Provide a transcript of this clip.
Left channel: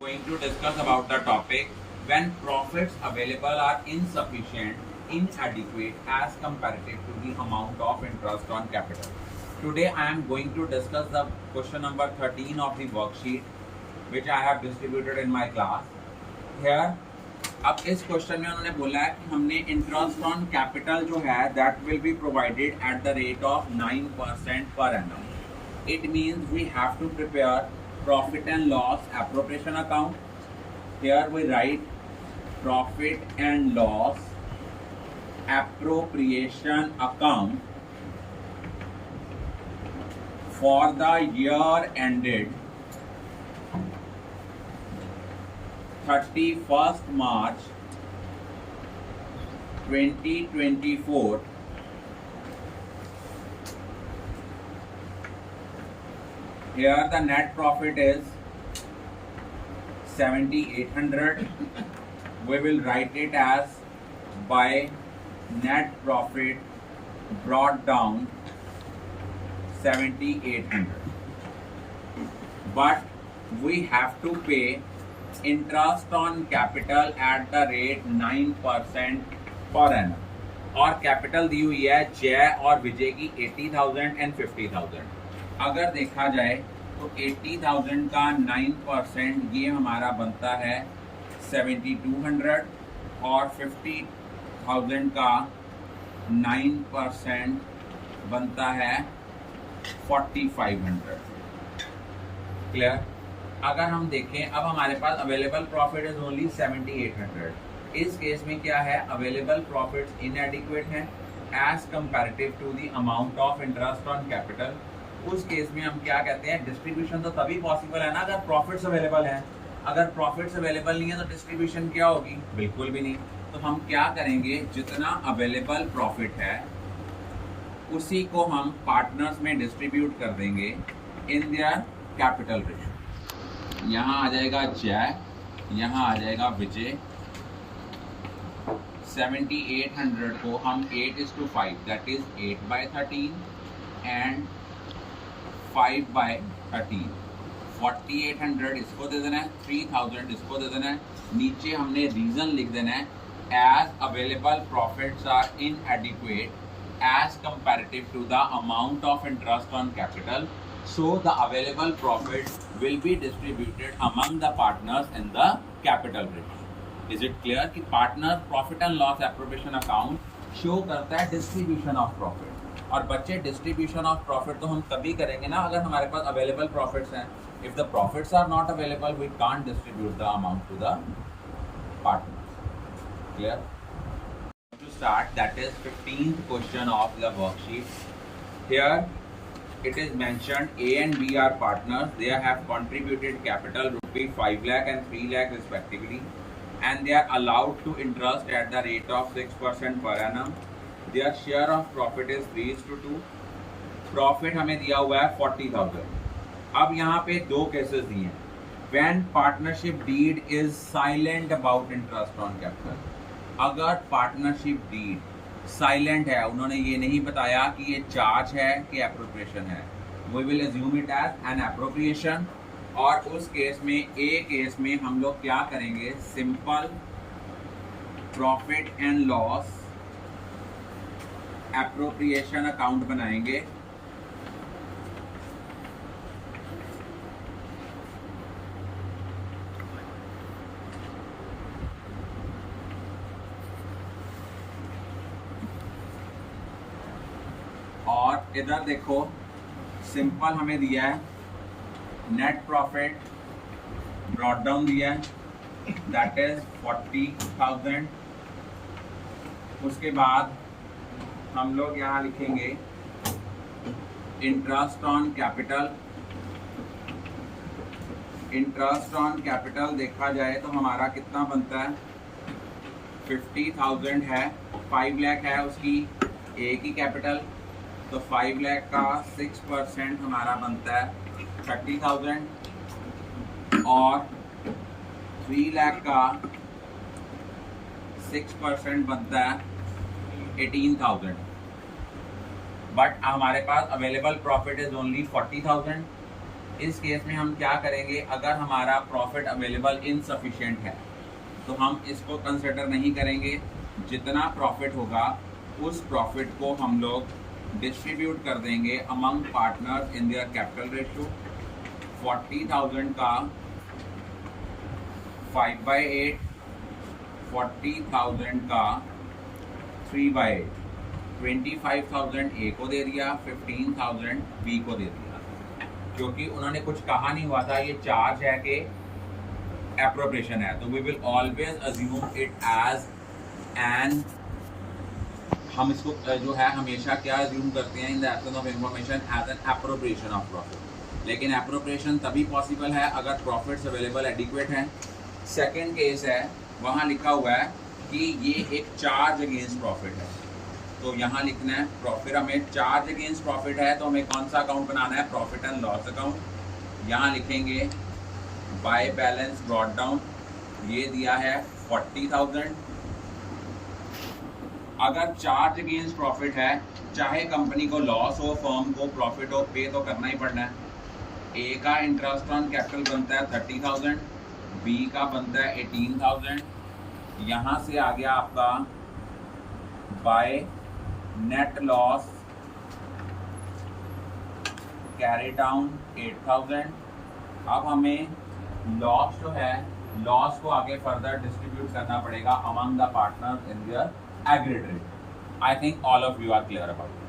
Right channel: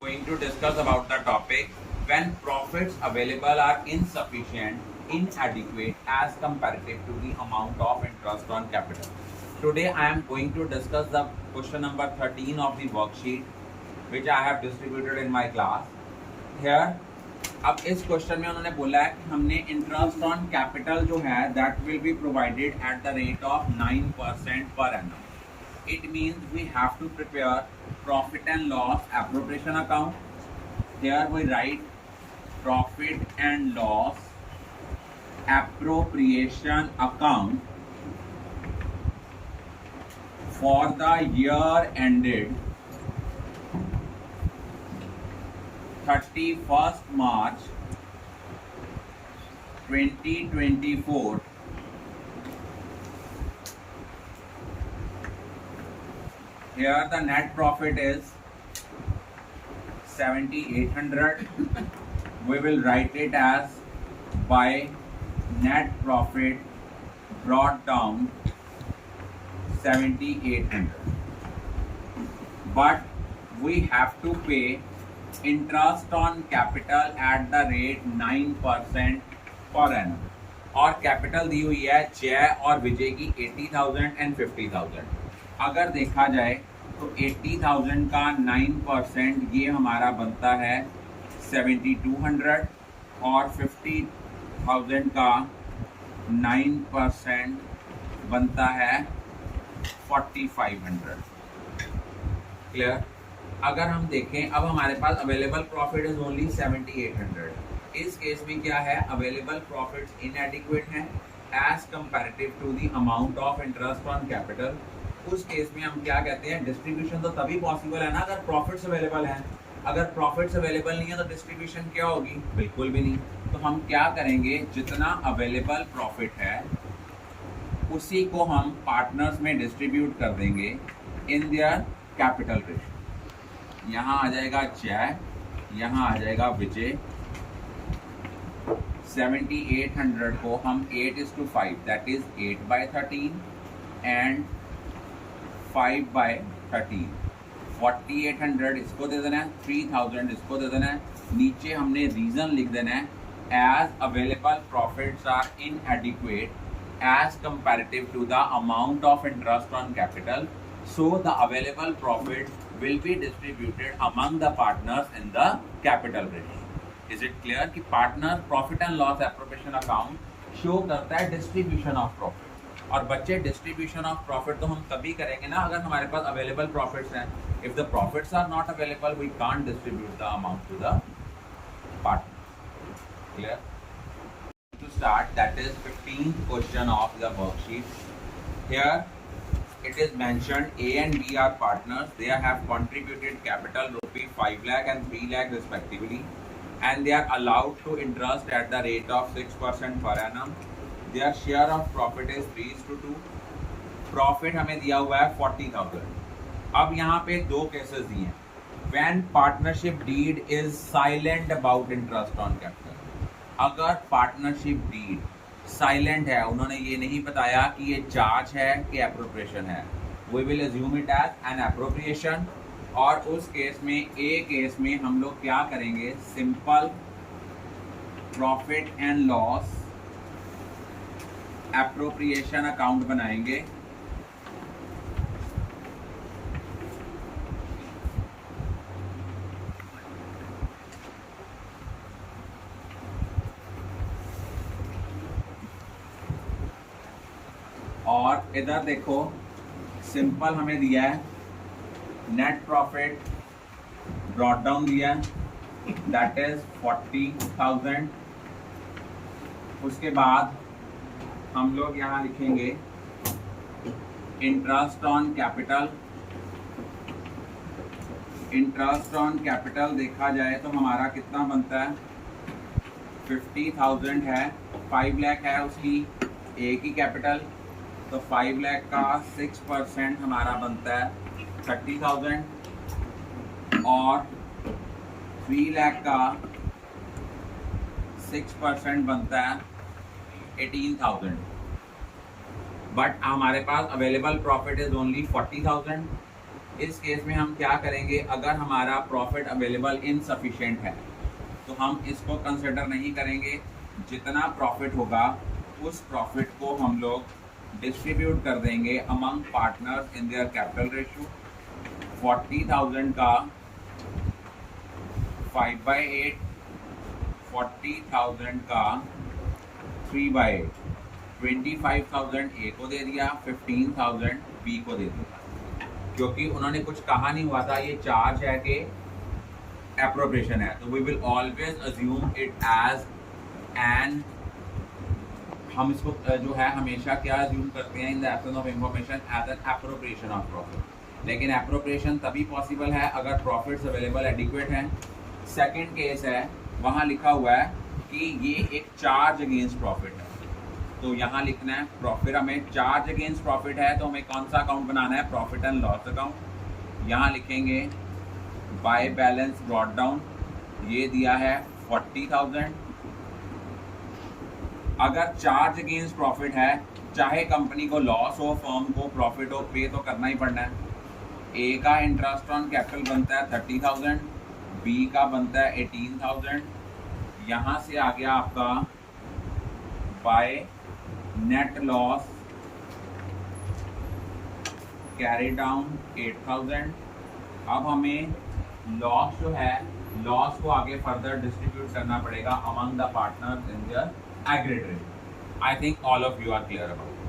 Going to discuss about the topic when profits available are insufficient, inadequate as comparative to the amount of interest on capital. Today I am going to discuss the question number 13 of the worksheet which I have distributed in my class. Here, अब इस question में उन्होंने बोला है कि हमने interest on capital जो है that will be provided at the rate of 9% per annum. It means we have to prepare profit and loss appropriation account. Here we write profit and loss appropriation account for the year ended 31st March 2024. Here the net profit is 7,800. We will write it as by net profit brought down 7,800. But we have to pay interest on capital at the rate 9% per annum. और capital दी हुई है जय और विजय की 80,000 and 50,000. अगर देखा जाए तो 80,000 का 9% ये हमारा बनता है 7,200 और 50,000 का 9% बनता है 4,500. क्लियर? अगर हम देखें अब हमारे पास अवेलेबल प्रॉफिट इज ओनली 7,800. इस केस में क्या है, अवेलेबल प्रॉफिट्स इनएडिक्वेट हैं as comparative to the amount of interest on capital. उस केस में हम क्या कहते हैं, डिस्ट्रीब्यूशन तो तभी पॉसिबल है ना अगर प्रॉफिट्स अवेलेबल हैं. अगर प्रॉफिट्स अवेलेबल नहीं है तो डिस्ट्रीब्यूशन क्या होगी, बिल्कुल भी नहीं. तो हम क्या करेंगे, जितना अवेलेबल प्रॉफिट है उसी को हम पार्टनर्स में डिस्ट्रीब्यूट कर देंगे इन देयर कैपिटल रेशियो. यहाँ आ जाएगा जय, यहाँ आ जाएगा विजय. 7,800 को हम 8:5 दैट इज 8/13 एंड 5/13. 4,800 इसको दे देना है, 3,000 इसको दे देना है. नीचे हमने रीजन लिख देना है as available profits are inadequate as comparative to the amount of interest on capital. So the available profit will be distributed among the partners in the capital ratio. Is it clear कि partner profit and loss appropriation account show करता है distribution of profit. और बच्चे distribution of profit तो हम तभी करेंगे ना अगर हमारे पास available profits हैं. If the profits are not available, we can't distribute the amount to the partner. Clear? To start, that is 15th question of the worksheet. Here it is mentioned A and B are partners. They have contributed capital rupee 5 lakh and 3 lakh respectively, and they are allowed to interest at the rate of 6% per annum. Their share of profit is 3:2. Profit हमें दिया हुआ है 40,000. अब यहाँ पे दो cases दिए हैं. When partnership deed is silent about interest on capital. अगर पार्टनरशिप डीड साइलेंट है, उन्होंने ये नहीं बताया कि ये चार्ज है कि एप्रोप्रिएशन है, we will assume it as an appropriation. और उस केस में ए केस में हम लोग क्या करेंगे, simple profit and loss appropriation account बनाएंगे. और इधर देखो सिंपल हमें दिया है नेट प्रॉफिट ब्रॉट डाउन दिया है दैट इज 40,000. उसके बाद हम लोग यहाँ लिखेंगे interest on capital. Interest on capital देखा जाए तो हमारा कितना बनता है, 50,000 है, 5 लाख है उसकी ए की कैपिटल. तो 5 लाख का 6% हमारा बनता है 30,000 और 3 लाख का 6% बनता है 18,000. बट हमारे पास अवेलेबल प्रॉफिट इज ओनली 40,000. इस केस में हम क्या करेंगे, अगर हमारा प्रॉफिट अवेलेबल इनसफिशिएंट है तो हम इसको कंसिडर नहीं करेंगे। जितना प्रॉफिट होगा उस प्रॉफिट को हम लोग डिस्ट्रीब्यूट कर देंगे among partners in their capital ratio. 40,000 का 5/8, 40,000 का 3/8, 25,000 ए को दे दिया, 15,000 बी को दे दिया। क्योंकि उन्होंने कुछ कहा नहीं हुआ था, ये चार्ज है कि एप्रोप्रिएशन है, तो we will always assume it as an, हम इसको जो है हमेशा क्या अज्यूम करते हैं in the absence of information, as an appropriation of profit. लेकिन एप्रोप्रिएशन तभी पॉसिबल है अगर प्रॉफिट्स अवेलेबल एडिक्वेट हैं। सेकेंड केस है, वहाँ लिखा हुआ है कि ये एक चार्ज अगेंस्ट प्रॉफिट है, तो यहाँ लिखना है फिर हमें चार्ज अगेंस्ट प्रॉफिट है तो हमें कौन सा अकाउंट बनाना है, प्रॉफिट एंड लॉस अकाउंट। यहाँ लिखेंगे बाय बैलेंस ब्रॉट डाउन, ये दिया है 40,000। अगर चार्ज अगेंस्ट प्रॉफिट है, चाहे कंपनी को लॉस हो फर्म को प्रॉफिट हो, पे तो करना ही पड़ना है। ए का इंटरेस्ट ऑन कैपिटल बनता है 30,000, बी का बनता है 18,000। यहाँ से आ गया आपका by net loss carry down 8,000। अब हमें लॉस जो है, लॉस को आगे फर्दर डिस्ट्रीब्यूट करना पड़ेगा among the partners in their aggregate rate. I think all of you are clear about.